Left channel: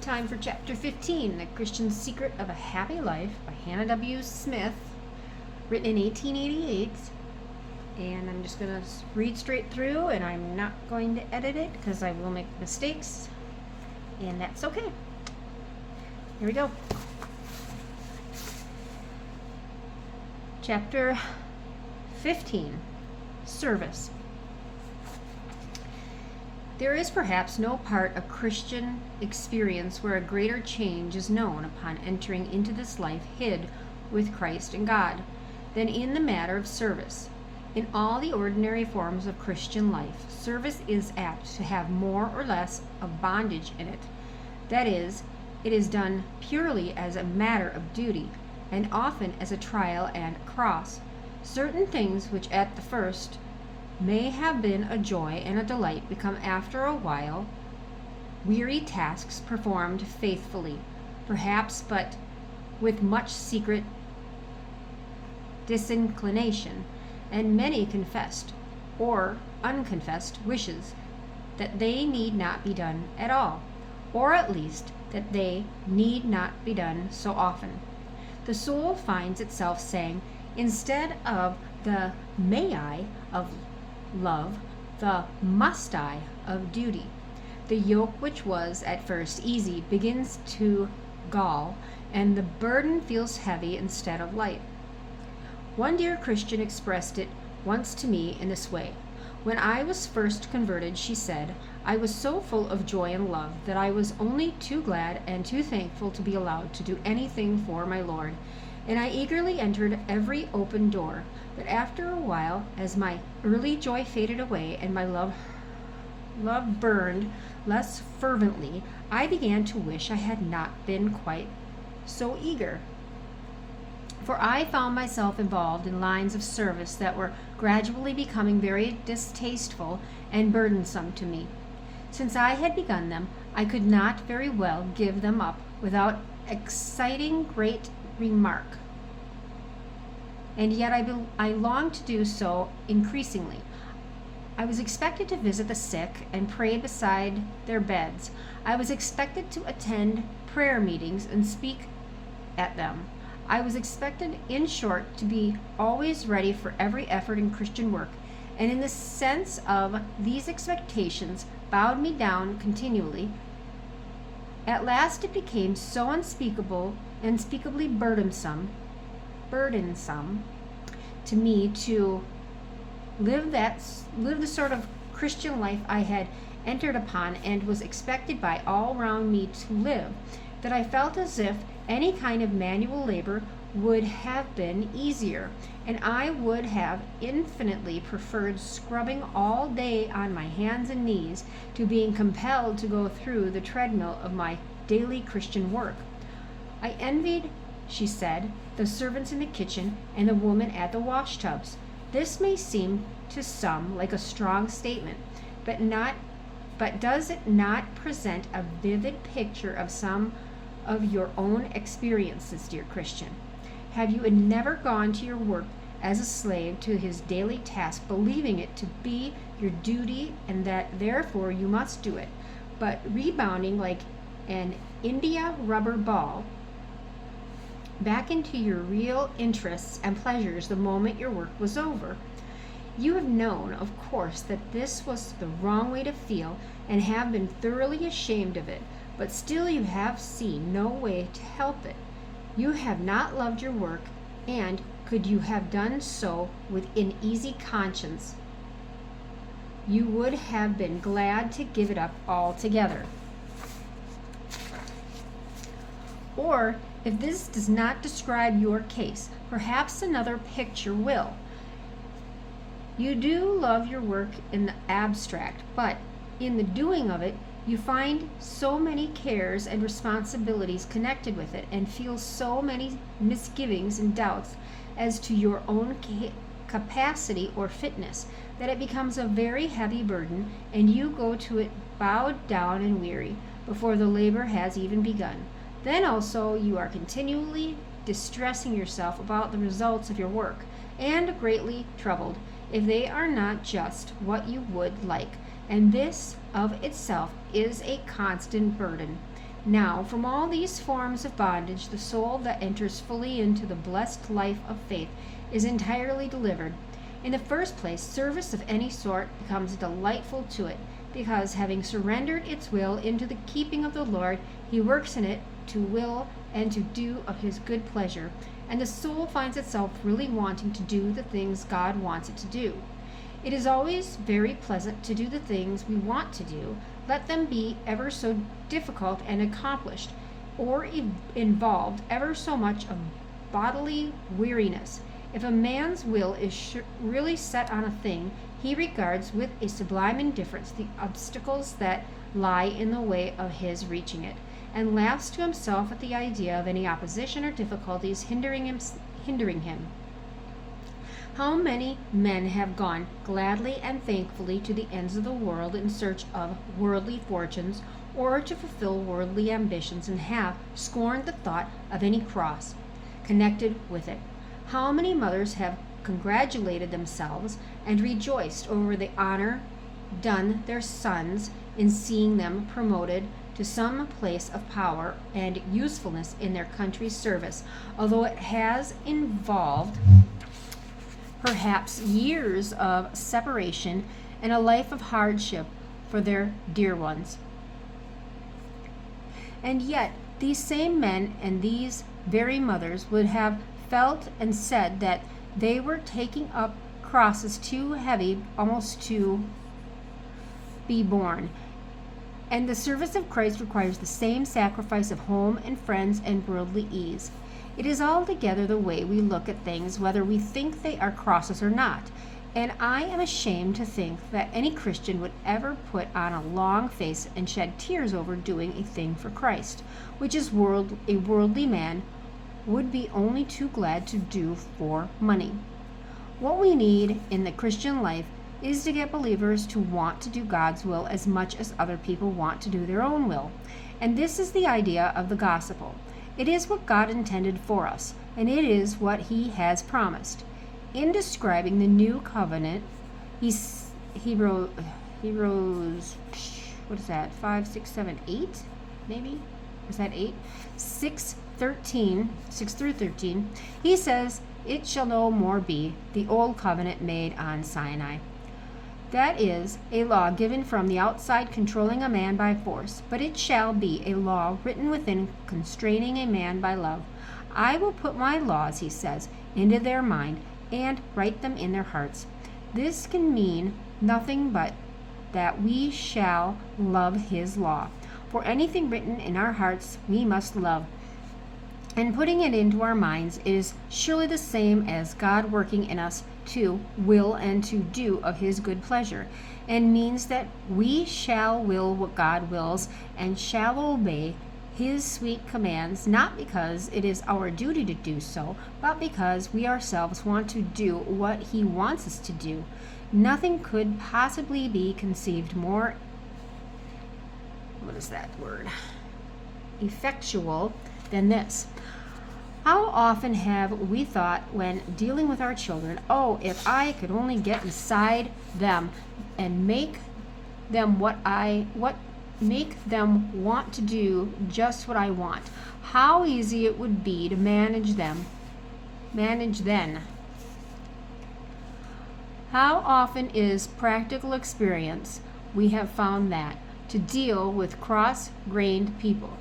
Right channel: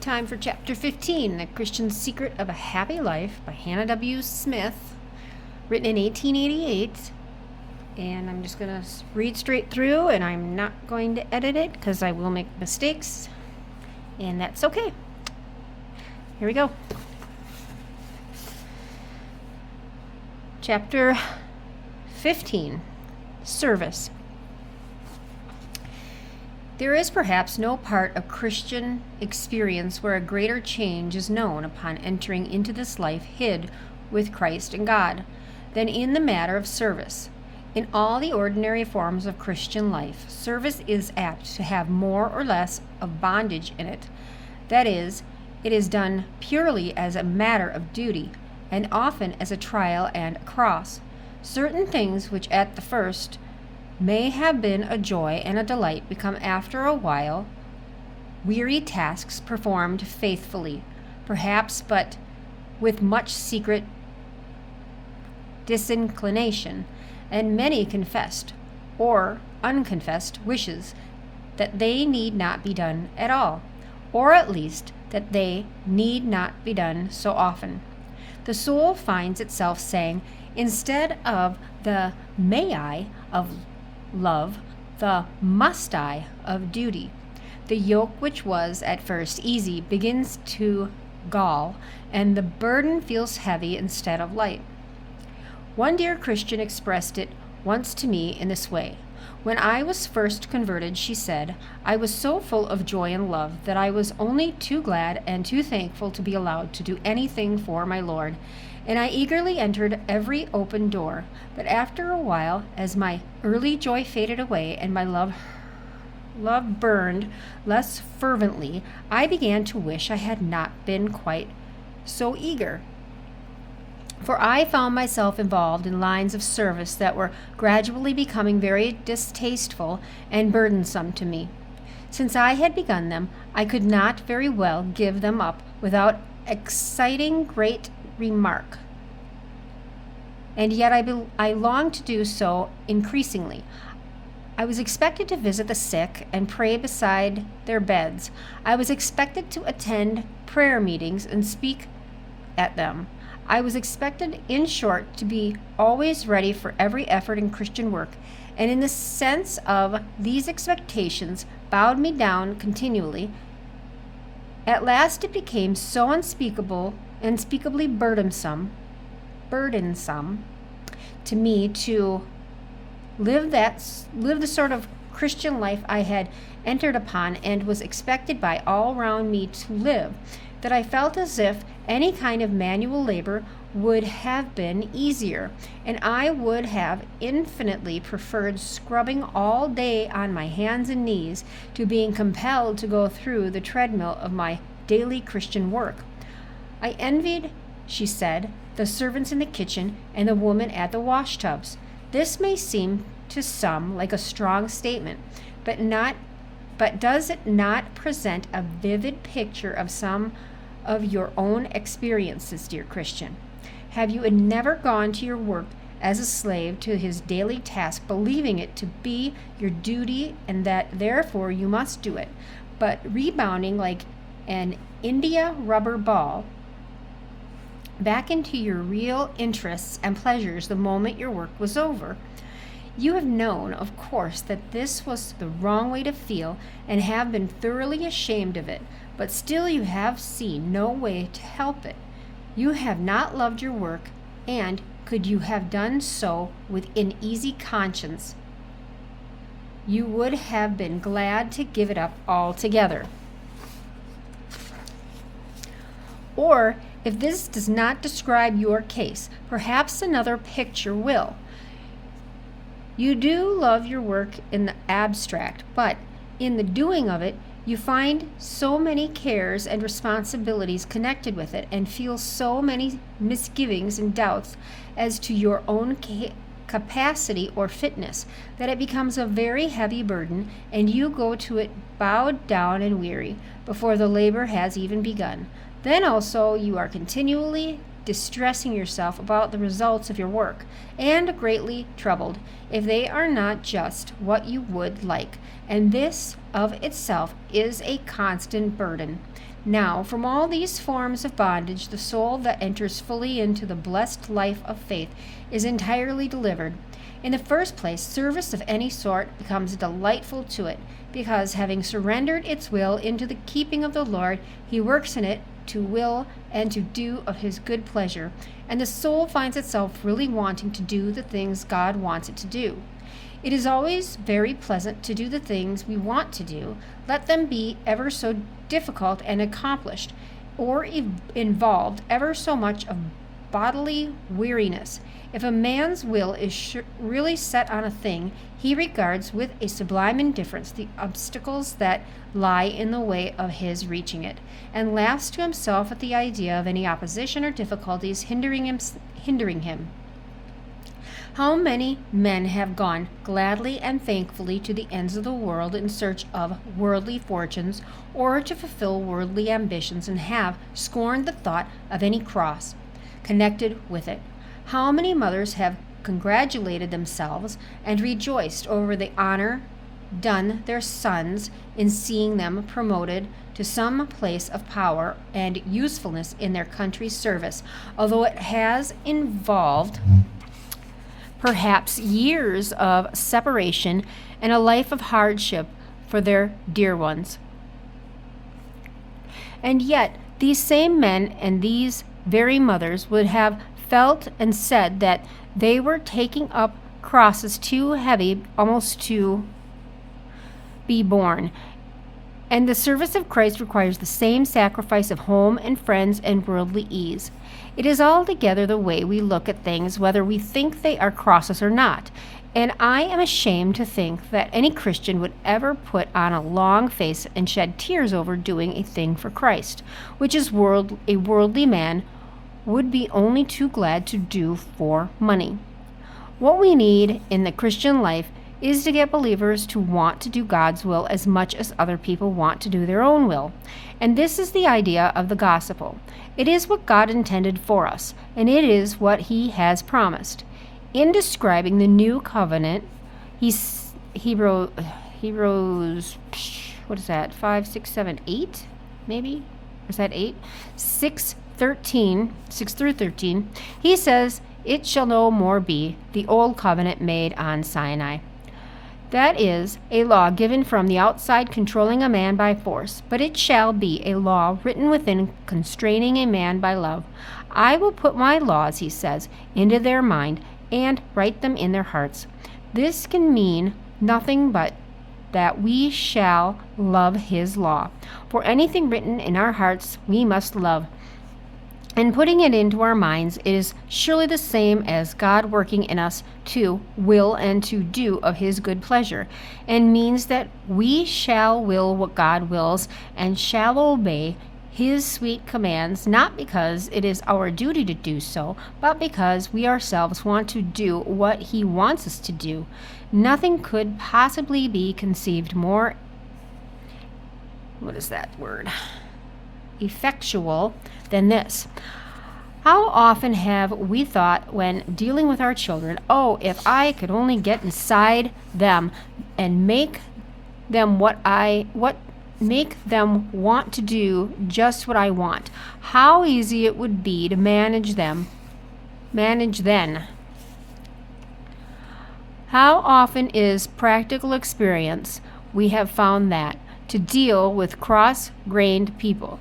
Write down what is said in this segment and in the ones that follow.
Time for Chapter 15, The Christian's Secret of a Happy Life by Hannah W. Smith, written in 1888. And I'm just going to read straight through, and I'm not going to edit it because I will make mistakes, and that's okay. Here we go. Chapter 15, Service. There is perhaps no part of Christian experience where a greater change is known upon entering into this life hid with Christ and God than in the matter of service. In all the ordinary forms of Christian life, service is apt to have more or less of bondage in it. That is, it is done purely as a matter of duty, and often as a trial and a cross. Certain things which at the first may have been a joy and a delight become after a while weary tasks performed faithfully, perhaps, but with much secret disinclination, and many confessed or unconfessed wishes that they need not be done at all, or at least that they need not be done so often. The soul finds itself saying, instead of the may I of love, the must I of duty. The yoke which was at first easy begins to gall, and the burden feels heavy instead of light. One dear Christian expressed it once to me in this way. When I was first converted, she said, I was so full of joy and love that I was only too glad and too thankful to be allowed to do anything for my Lord, and I eagerly entered every open door. But after a while, as my early joy faded away and my love burned less fervently, I began to wish I had not been quite so eager. For I found myself involved in lines of service that were gradually becoming very distasteful and burdensome to me. Since I had begun them, I could not very well give them up without exciting great remark. And yet I longed to do so increasingly. I was expected to visit the sick and pray beside their beds. I was expected to attend prayer meetings and speak at them. I was expected, in short, to be always ready for every effort in Christian work, and in the sense of these expectations bowed me down continually. At last it became so unspeakably burdensome to me to live the sort of Christian life I had entered upon and was expected by all round me to live, that I felt as if any kind of manual labor would have been easier, and I would have infinitely preferred scrubbing all day on my hands and knees to being compelled to go through the treadmill of my daily Christian work. I envied, she said, the servants in the kitchen and the woman at the washtubs. This may seem to some like a strong statement, but does it not present a vivid picture of some of your own experiences, dear Christian? Have you never gone to your work as a slave to his daily task, believing it to be your duty and that therefore you must do it, but rebounding like an India rubber ball back into your real interests and pleasures the moment your work was over? You have known, of course, that this was the wrong way to feel and have been thoroughly ashamed of it, but still you have seen no way to help it. You have not loved your work, and could you have done so with an easy conscience, you would have been glad to give it up altogether. Or, if this does not describe your case, perhaps another picture will. You do love your work in the abstract, but in the doing of it, you find so many cares and responsibilities connected with it, and feel so many misgivings and doubts as to your own capacity or fitness, that it becomes a very heavy burden, and you go to it bowed down and weary before the labor has even begun. Then also you are continually distressing yourself about the results of your work, and greatly troubled if they are not just what you would like, and this of itself is a constant burden. Now, from all these forms of bondage, the soul that enters fully into the blessed life of faith is entirely delivered. In the first place, service of any sort becomes delightful to it, because having surrendered its will into the keeping of the Lord, he works in it to will and to do of his good pleasure, and the soul finds itself really wanting to do the things God wants it to do. It is always very pleasant to do the things we want to do, let them be ever so difficult and accomplished, or involved ever so much of bodily weariness. If a man's will is really set on a thing, he regards with a sublime indifference the obstacles that lie in the way of his reaching it, and laughs to himself at the idea of any opposition or difficulties hindering him. How many men have gone gladly and thankfully to the ends of the world in search of worldly fortunes or to fulfill worldly ambitions, and have scorned the thought of any cross connected with it? How many mothers have congratulated themselves and rejoiced over the honor done their sons in seeing them promoted to some place of power and usefulness in their country's service, although it has involved perhaps years of separation and a life of hardship for their dear ones. And yet, these same men and these very mothers would have felt and said that they were taking up crosses too heavy almost to be borne. And the service of Christ requires the same sacrifice of home and friends and worldly ease. It is altogether the way we look at things, whether we think they are crosses or not. And I am ashamed to think that any Christian would ever put on a long face and shed tears over doing a thing for Christ, which is a worldly man would be only too glad to do for money. What we need in the Christian life is to get believers to want to do God's will as much as other people want to do their own will. And this is the idea of the gospel. It is what God intended for us, and it is what he has promised. In describing the new covenant, he wrote, what is that, 5, 6, 7, 8, maybe? Or is that 8? 6 through 13, he says, "It shall no more be the old covenant made on Sinai." That is a law given from the outside controlling a man by force, but it shall be a law written within constraining a man by love. "I will put my laws," he says, "into their mind and write them in their hearts." This can mean nothing but that we shall love his law. For anything written in our hearts we must love. And putting it into our minds is surely the same as God working in us to will and to do of his good pleasure, and means that we shall will what God wills and shall obey his sweet commands, not because it is our duty to do so, but because we ourselves want to do what he wants us to do. Nothing could possibly be conceived more, effectual than this. How often have we thought when dealing with our children, "Oh, if I could only get inside them and make them make them want to do just what I want, how easy it would be to manage then." How often is practical experience we have found that to deal with cross-grained people,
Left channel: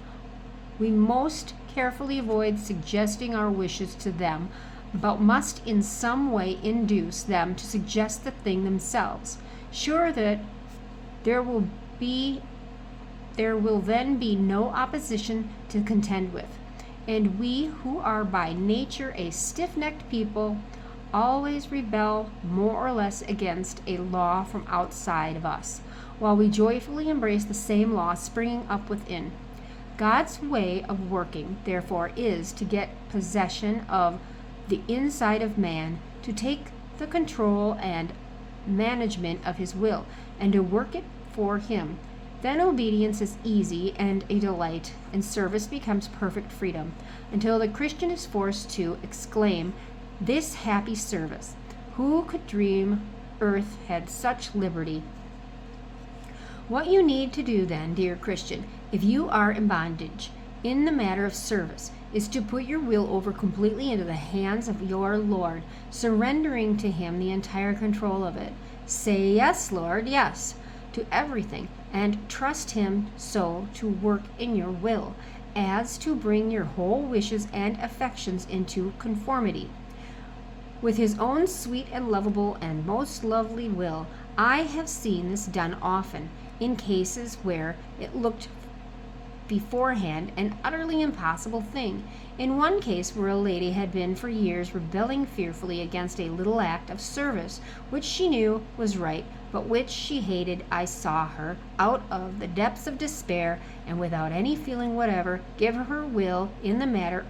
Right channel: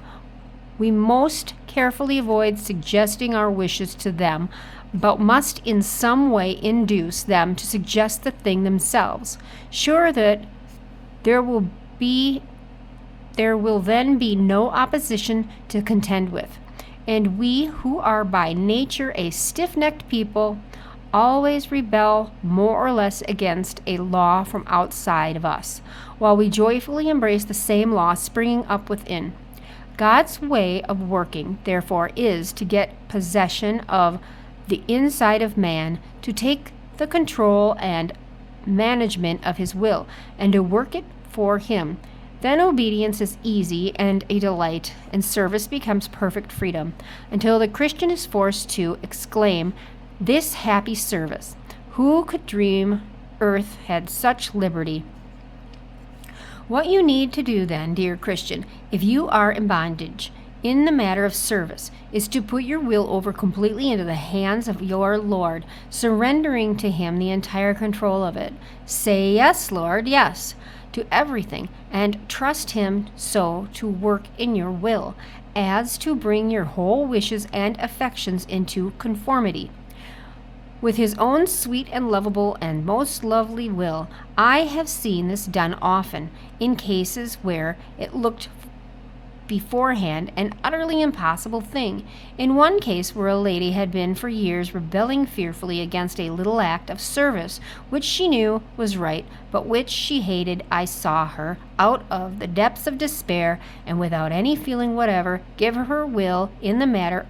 we most carefully avoid suggesting our wishes to them, but must in some way induce them to suggest the thing themselves, sure that there will then be no opposition to contend with. And we, who are by nature a stiff-necked people, always rebel more or less against a law from outside of us, while we joyfully embrace the same law springing up within. God's way of working, therefore, is to get possession of the inside of man, to take the control and management of his will, and to work it for him. Then obedience is easy and a delight, and service becomes perfect freedom, until the Christian is forced to exclaim, "This happy service! Who could dream earth had such liberty?" What you need to do then, dear Christian, if you are in bondage in the matter of service, is to put your will over completely into the hands of your Lord, surrendering to Him the entire control of it. Say, "Yes, Lord, yes," to everything, and trust Him so to work in your will as to bring your whole wishes and affections into conformity with His own sweet and lovable and most lovely will. I have seen this done often in cases where it looked beforehand an utterly impossible thing. In one case where a lady had been for years rebelling fearfully against a little act of service which she knew was right, but which she hated, I saw her, out of the depths of despair and without any feeling whatever, give her will in the matter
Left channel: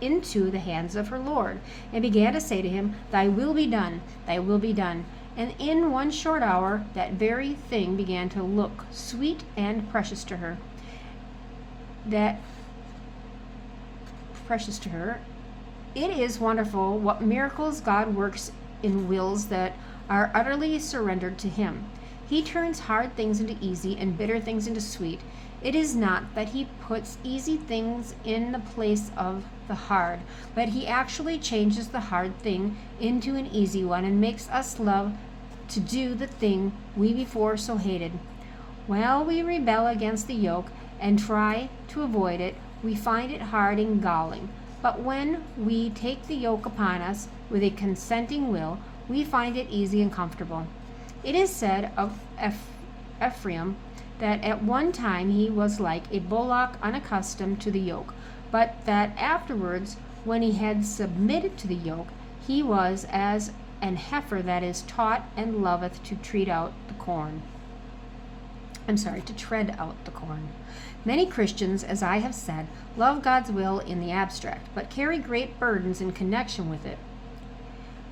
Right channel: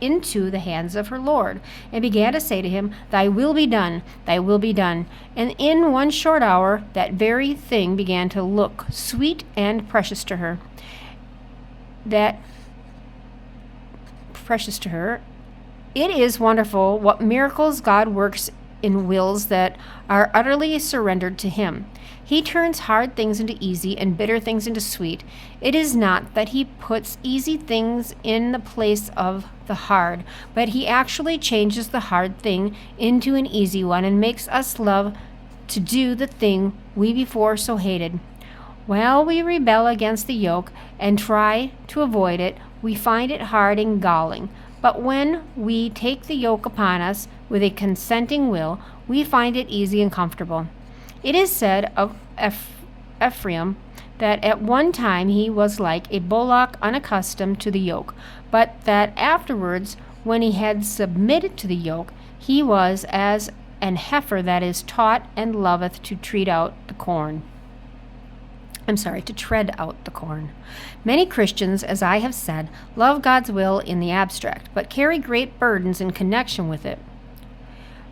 into the hands of her Lord, and began to say to Him, "Thy will be done, thy will be done." And in one short hour that very thing began to look sweet and precious to her. It is wonderful what miracles God works in wills that are utterly surrendered to Him. He turns hard things into easy and bitter things into sweet. It is not that He puts easy things in the place of the hard, but He actually changes the hard thing into an easy one and makes us love to do the thing we before so hated. While we rebel against the yoke and try to avoid it, we find it hard and galling. But when we take the yoke upon us with a consenting will, we find it easy and comfortable. It is said of Ephraim that at one time he was like a bullock unaccustomed to the yoke, but that afterwards, when he had submitted to the yoke, he was as an heifer that is taught and loveth to tread out the corn. Many Christians, as I have said, love God's will in the abstract, but carry great burdens in connection with it.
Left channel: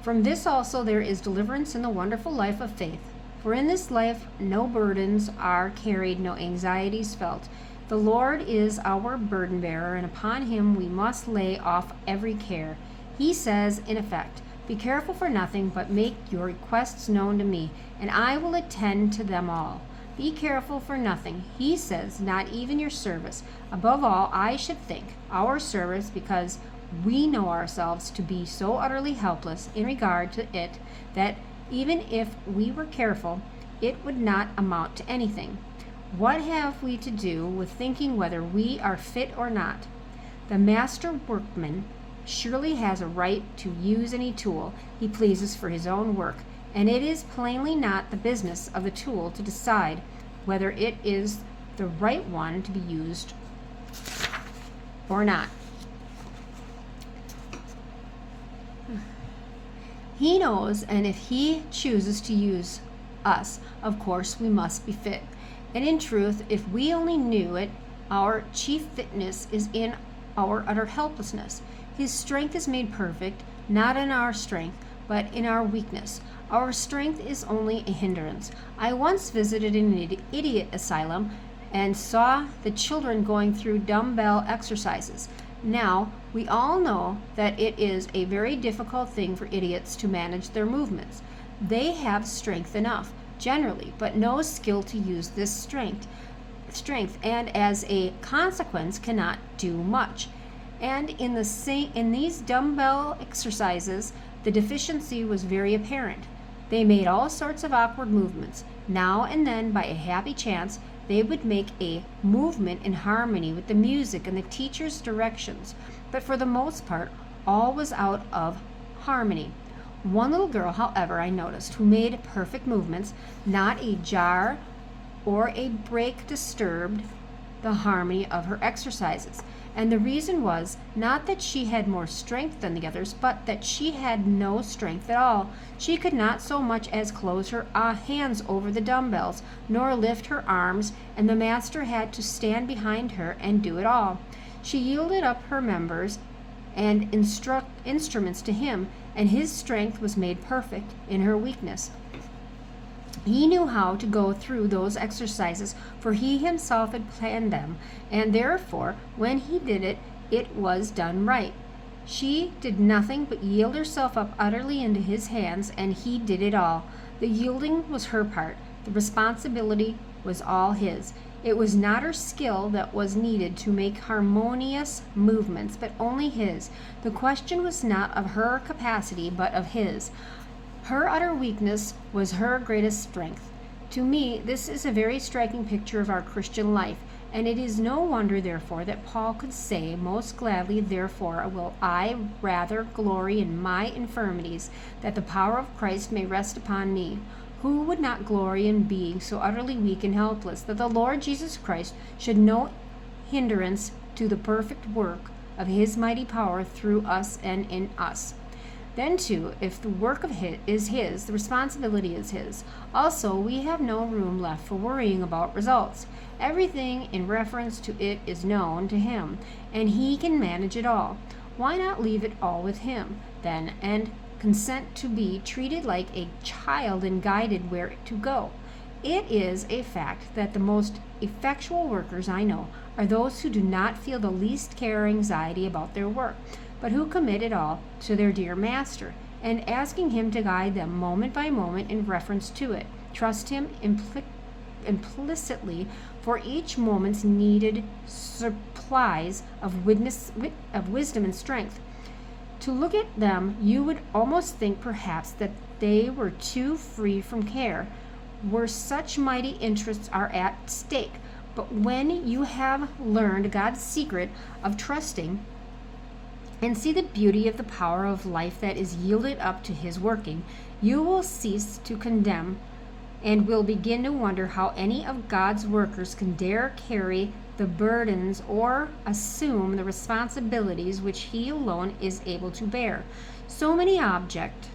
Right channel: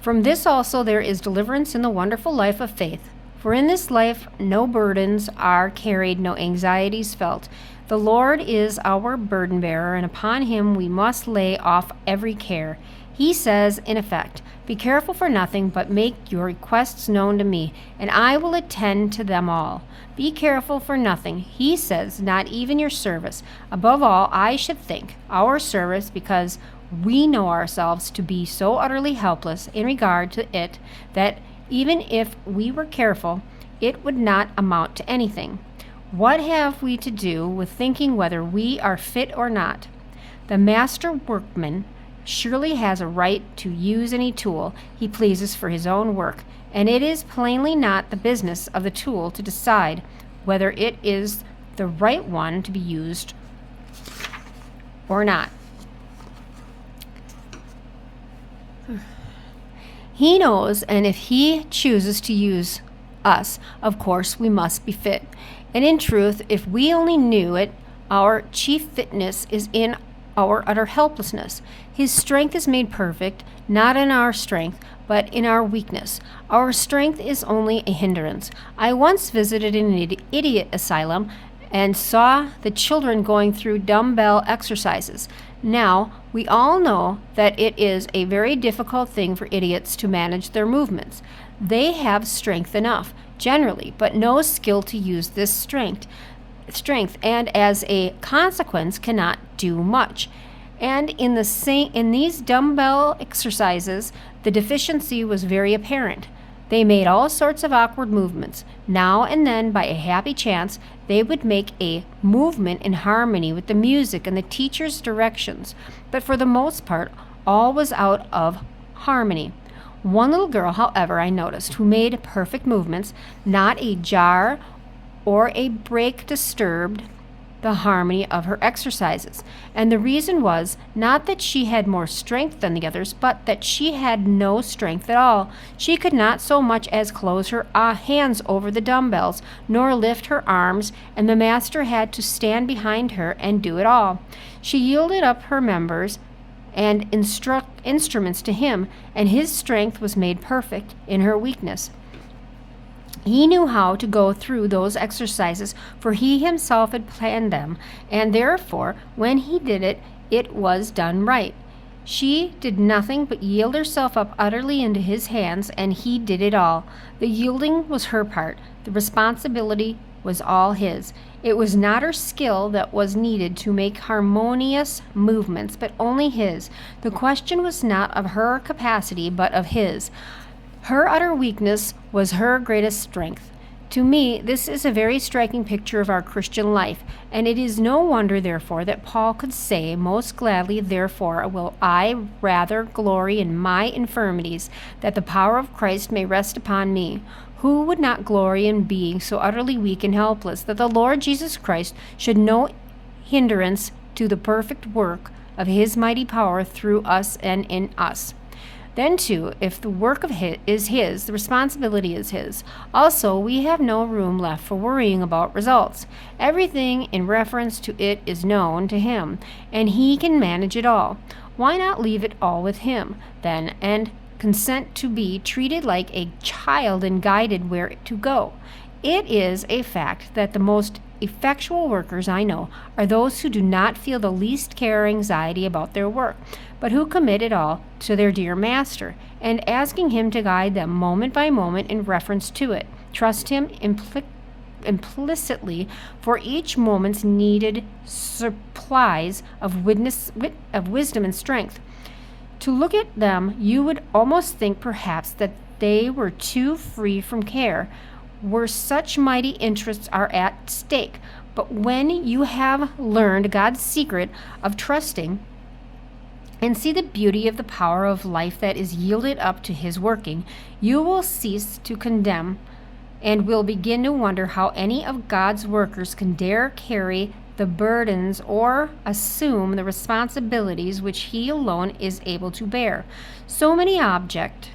From this also there is deliverance in the wonderful life of faith. For in this life no burdens are carried, no anxieties felt. The Lord is our burden bearer, and upon Him we must lay off every care. He says, in effect, "Be careful for nothing, but make your requests known to me, and I will attend to them all." Be careful for nothing, He says, not even your service. Above all, I should think, our service, because we know ourselves to be so utterly helpless in regard to it that even if we were careful, it would not amount to anything. What have we to do with thinking whether we are fit or not? The master workman surely has a right to use any tool he pleases for his own work, and it is plainly not the business of the tool to decide whether it is the right one to be used or not. He knows, and if He chooses to use us, of course we must be fit. And in truth, if we only knew it, our chief fitness is in our utter helplessness. His strength is made perfect, not in our strength, but in our weakness. Our strength is only a hindrance. I once visited an idiot asylum and saw the children going through dumbbell exercises. Now, we all know that it is a very difficult thing for idiots to manage their movements. They have strength enough, generally, but no skill to use this strength, and as a consequence cannot do much. And in these dumbbell exercises, the deficiency was very apparent. They made all sorts of awkward movements. Now and then, by a happy chance, they would make a movement in harmony with the music and the teacher's directions, but for the most part, all was out of harmony. One little girl, however, I noticed, who made perfect movements, not a jar or a break disturbed the harmony of her exercises. And the reason was not that she had more strength than the others, but that she had no strength at all. She could not so much as close her hands over the dumbbells, nor lift her arms, and the master had to stand behind her and do it all. She yielded up her members and instruments to Him, and His strength was made perfect in her weakness. He knew how to go through those exercises, for He Himself had planned them, and therefore, when He did it, it was done right. She did nothing but yield herself up utterly into His hands, and He did it all. The yielding was her part. The responsibility was all His. It was not her skill that was needed to make harmonious movements, but only his. The question was not of her capacity, but of his. Her utter weakness was her greatest strength. To me, this is a very striking picture of our Christian life, and it is no wonder, therefore, that Paul could say, "Most gladly, therefore, will I rather glory in my infirmities, that the power of Christ may rest upon me." Who would not glory in being so utterly weak and helpless that the Lord Jesus Christ should no hindrance to the perfect work of his mighty power through us and in us? Then, too, if the work of his is his, the responsibility is his. Also, we have no room left for worrying about results. Everything in reference to it is known to him, and he can manage it all. Why not leave it all with him, then, and consent to be treated like a child and guided where to go? It is a fact that the most effectual workers I know are those who do not feel the least care or anxiety about their work, but who commit it all to their dear Master, and asking him to guide them moment by moment in reference to it, trust him implicitly for each moment's needed supplies of wisdom and strength. To look at them, you would almost think perhaps that they were too free from care, where such mighty interests are at stake. But when you have learned God's secret of trusting and see the beauty of the power of life that is yielded up to his working, you will cease to condemn and will begin to wonder how any of God's workers can dare carry the burdens or assume the responsibilities which he alone is able to bear. Some may object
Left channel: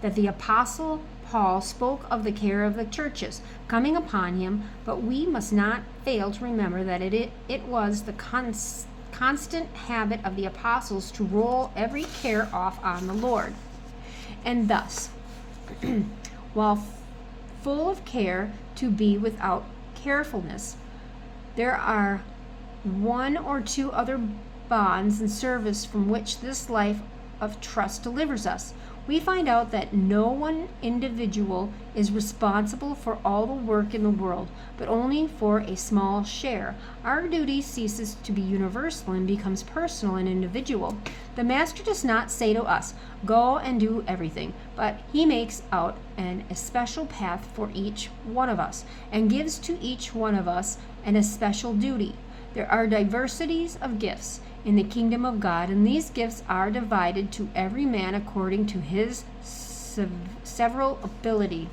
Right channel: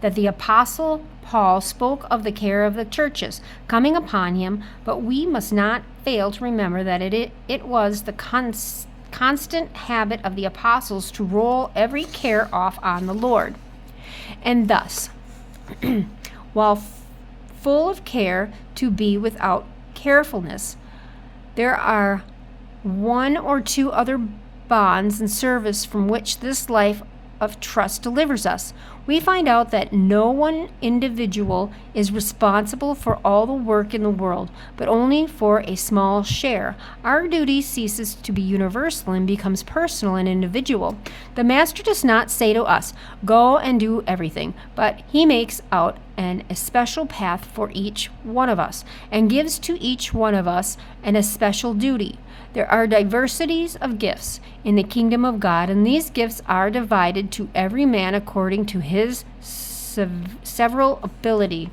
that the Apostle Paul spoke of the care of the churches coming upon him, but we must not fail to remember that it was the constant habit of the apostles to roll every care off on the Lord. And thus, while full of care, to be without carefulness. There are one or two other bonds and service from which this life of trust delivers us. We find out that no one individual is responsible for all the work in the world, but only for a small share. Our duty ceases to be universal and becomes personal and individual. The Master does not say to us, "Go and do everything," but he makes out an especial path for each one of us, and gives to each one of us an especial duty. There are diversities of gifts in the kingdom of God, and these gifts are divided to every man according to his several ability.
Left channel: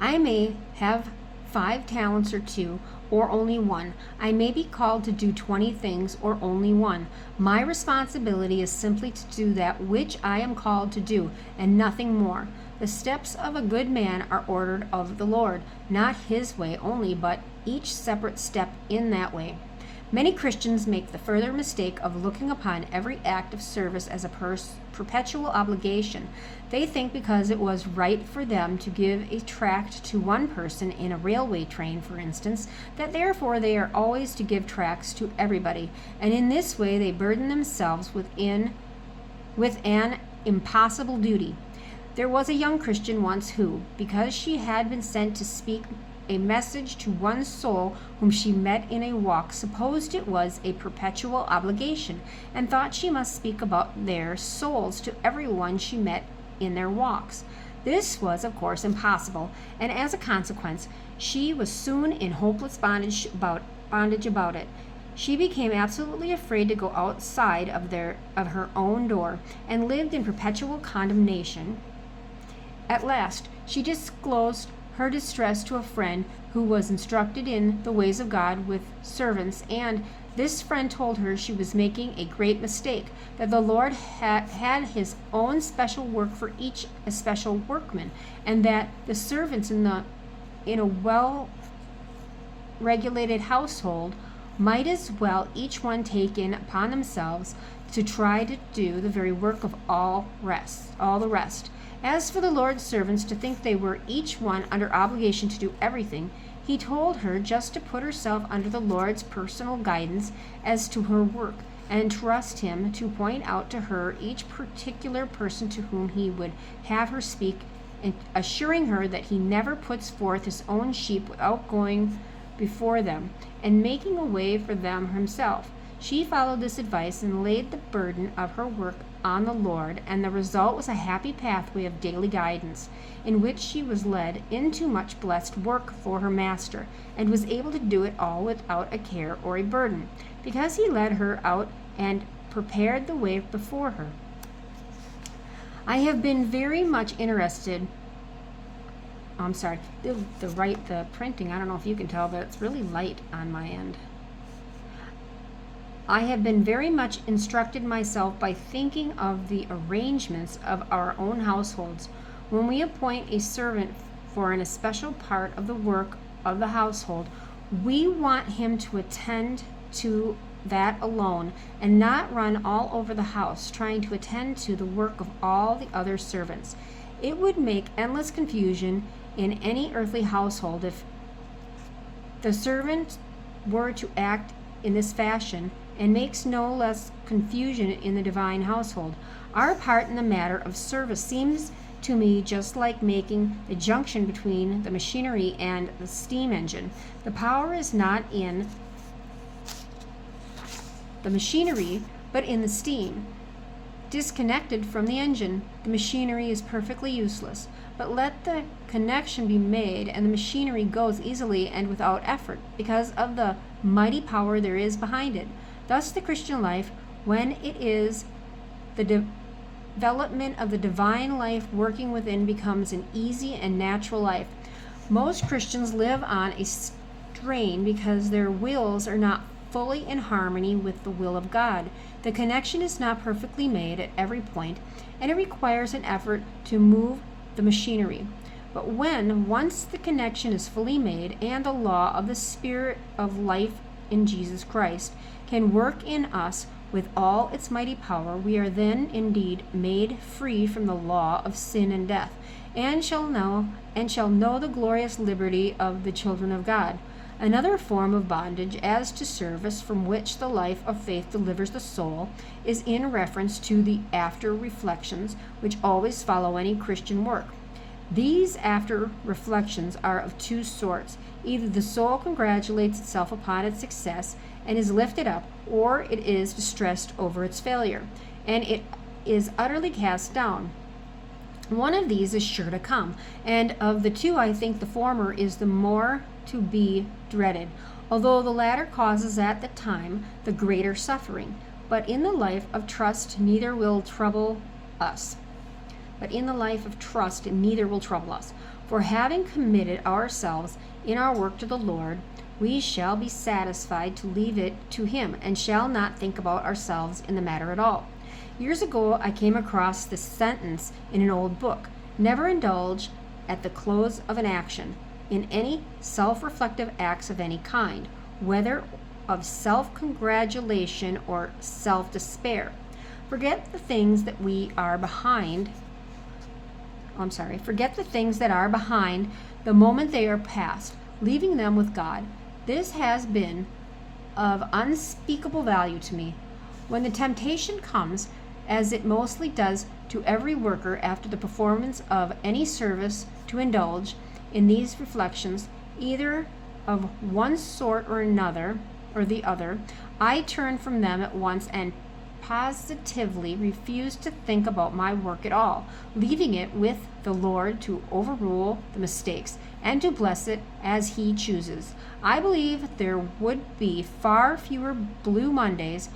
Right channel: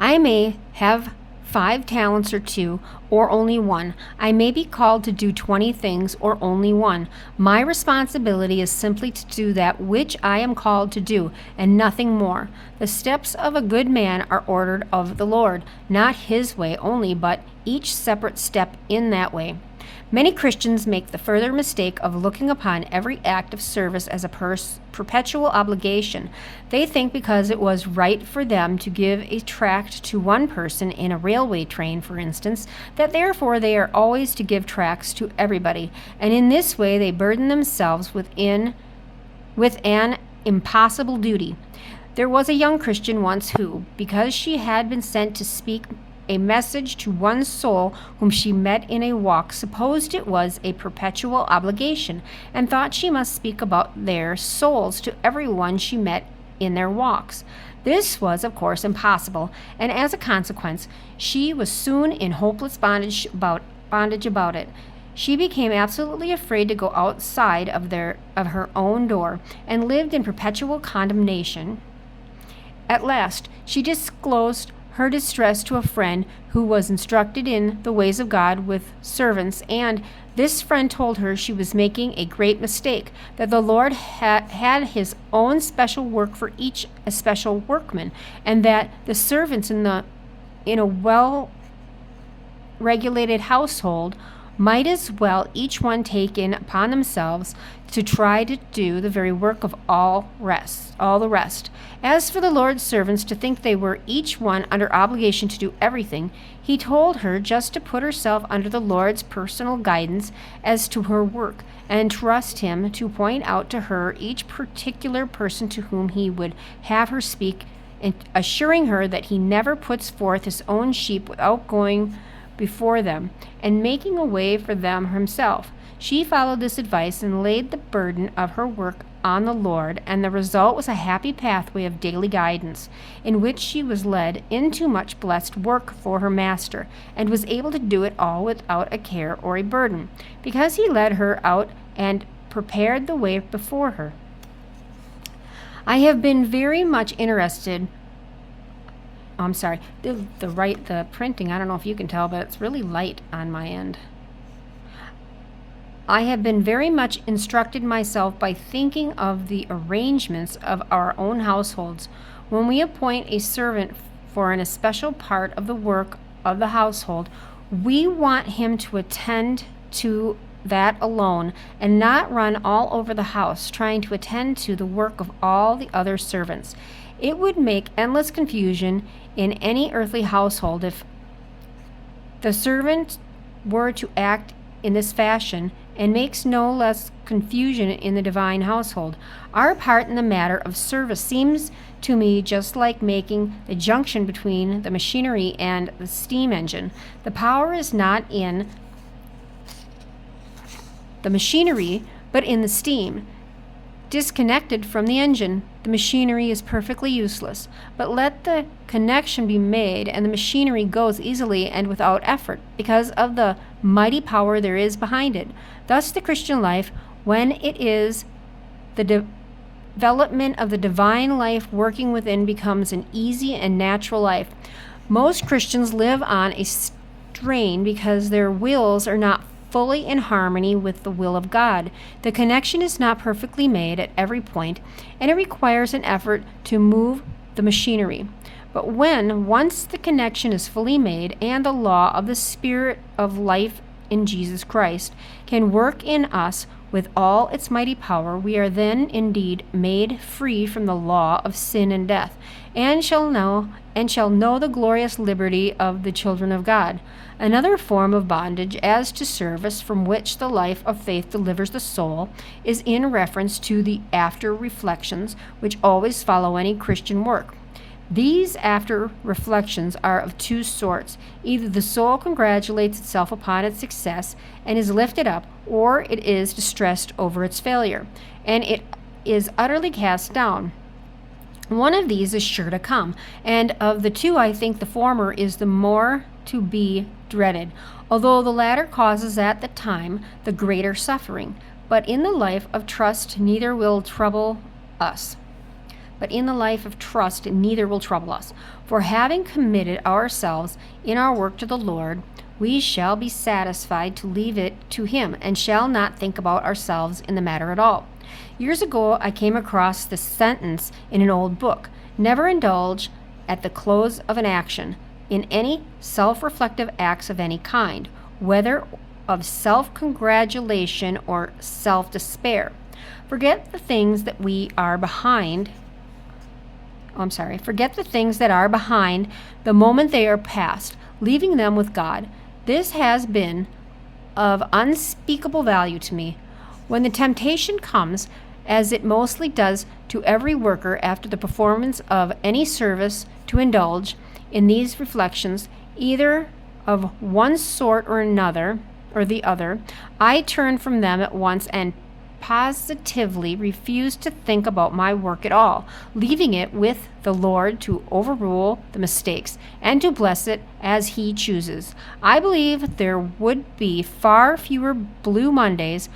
I may have 5 talents or 2, or only 1. I may be called to do 20 things, or only 1. My responsibility is simply to do that which I am called to do, and nothing more. The steps of a good man are ordered of the Lord, not his way only, but each separate step in that way. Many Christians make the further mistake of looking upon every act of service as a perpetual obligation. They think because it was right for them to give a tract to one person in a railway train, for instance, that therefore they are always to give tracts to everybody, and in this way they burden themselves with an impossible duty. There was a young Christian once who, because she had been sent to speak a message to one soul whom she met in a walk, supposed it was a perpetual obligation, and thought she must speak about their souls to everyone she met in their walks. This was, of course, impossible, and as a consequence, she was soon in hopeless bondage about it. She became absolutely afraid to go outside of her own door, and lived in perpetual condemnation. At last, she disclosed her distress to a friend who was instructed in the ways of God with servants, and this friend told her she was making a great mistake, that the Lord had his own special work for each especial workman, and that the servants in a well-regulated household might as well each one take in upon themselves to try to do the very work of all the rest. As for the Lord's servants to think they were each one under obligation to do everything, he told her just to put herself under the Lord's personal guidance as to her work, and trust him to point out to her each particular person to whom he would have her speak and assuring her that he never puts forth his own sheep without going before them and making a way for them himself. She followed this advice and laid the burden of her work on the Lord, and the result was a happy pathway of daily guidance, in which she was led into much blessed work for her master, and was able to do it all without a care or a burden, because he led her out and prepared the way before her. I have been very much interested. I'm sorry, the printing, I don't know if you can tell, but it's really light on my end. I have been very much instructed myself by thinking of the arrangements of our own households. When we appoint a servant for an especial part of the work of the household, we want him to attend to that alone and not run all over the house trying to attend to the work of all the other servants. It would make endless confusion in any earthly household if the servant were to act in this fashion, and makes no less confusion in the divine household. Our part in the matter of service seems to me just like making the junction between the machinery and the steam engine. The power is not in the machinery, but in the steam. Disconnected from the engine, the machinery is perfectly useless. But let the connection be made, and the machinery goes easily and without effort, because of the mighty power there is behind it. Thus, the Christian life, when it is the development of the divine life working within, becomes an easy and natural life. Most Christians live on a strain because their wills are not fully in harmony with the will of God. The connection is not perfectly made at every point, and it requires an effort to move the machinery. But when once the connection is fully made, and the law of the Spirit of life in Jesus Christ can work in us with all its mighty power, we are then indeed made free from the law of sin and death, and shall know the glorious liberty of the children of God. Another form of bondage as to service from which the life of faith delivers the soul is in reference to the after reflections which always follow any Christian work. These after reflections are of two sorts. Either the soul congratulates itself upon its success and is lifted up, or it is distressed over its failure, and it is utterly cast down. One of these is sure to come, and of the two I think the former is the more to be dreaded, although the latter causes at the time the greater suffering. But in the life of trust neither will trouble us. For having committed ourselves in our work to the Lord, we shall be satisfied to leave it to Him, and shall not think about ourselves in the matter at all. Years ago I came across this sentence in an old book: never indulge at the close of an action in any self-reflective acts of any kind, whether of self-congratulation or self-despair. Forget the things that are behind the moment they are past, leaving them with God. This has been of unspeakable value to me. When the temptation comes, as it mostly does to every worker after the performance of any service, to indulge in these reflections, either of one sort or another, or the other, I turn from them at once and positively refuse to think about my work at all, leaving it with the Lord to overrule the mistakes and to bless it as He chooses. I believe there would be far fewer Blue Mondays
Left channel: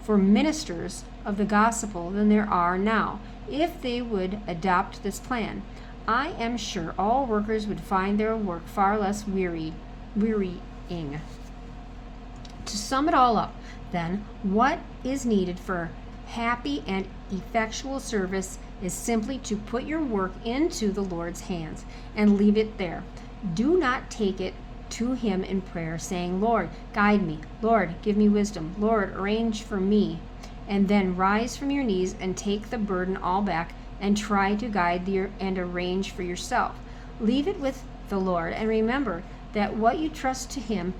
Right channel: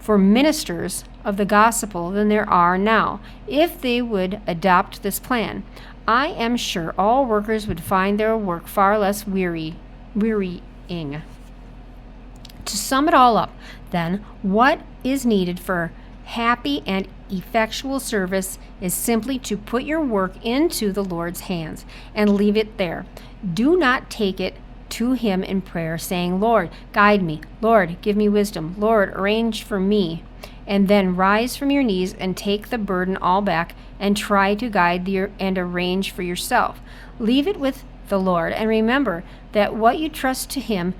for ministers of the gospel than there are now, if they would adopt this plan. I am sure all workers would find their work far less wearying. To sum it all up, then, what is needed for happy and effectual service is simply to put your work into the Lord's hands and leave it there. Do not take it to Him in prayer, saying, Lord, guide me. Lord, give me wisdom. Lord, arrange for me. And then rise from your knees and take the burden all back and try to guide and arrange for yourself. Leave it with the Lord, and remember that what you trust to Him,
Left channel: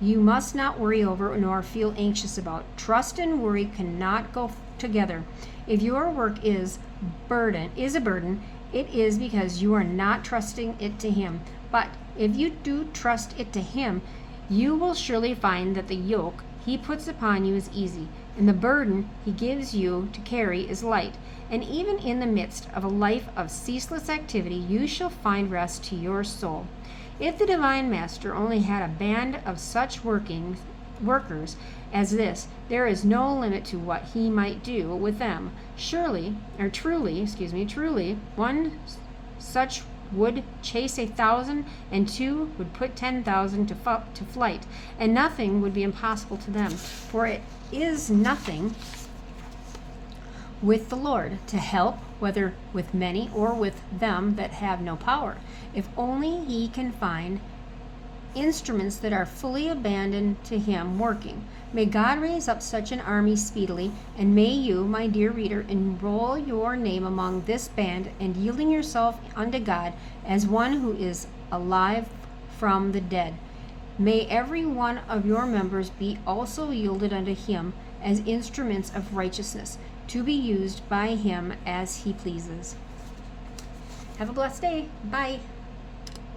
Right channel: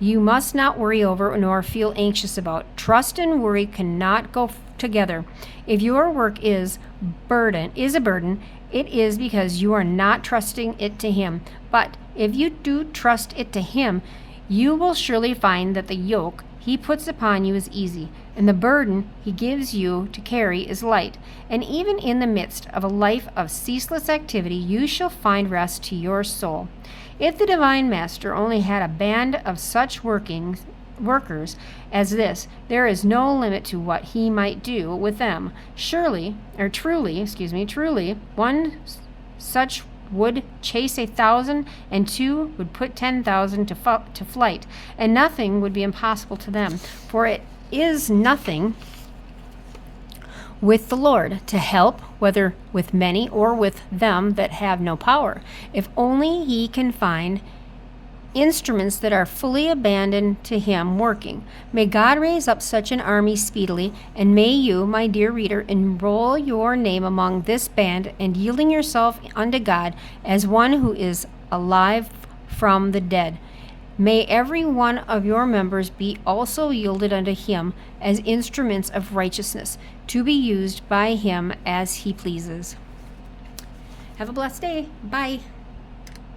you must not worry over nor feel anxious about. Trust and worry cannot go together. If your work is a burden, it is because you are not trusting it to Him. But if you do trust it to Him, you will surely find that the yoke He puts upon you is easy, and the burden He gives you to carry is light. And even in the midst of a life of ceaseless activity, you shall find rest to your soul. If the Divine Master only had a band of such workers as this, there is no limit to what He might do with them. Truly, one such would chase 1,000, and two would put 10,000 to flight, and nothing would be impossible to them. For it is nothing with the Lord to help, whether with many or with them that have no power, if only He can find instruments that are fully abandoned to Him working. May God raise up such an army speedily, and may you, my dear reader, enroll your name among this band, and yielding yourself unto God as one who is alive from the dead. May every one of your members be also yielded unto Him as instruments of righteousness, to be used by Him as He pleases. Have a blessed day. Bye.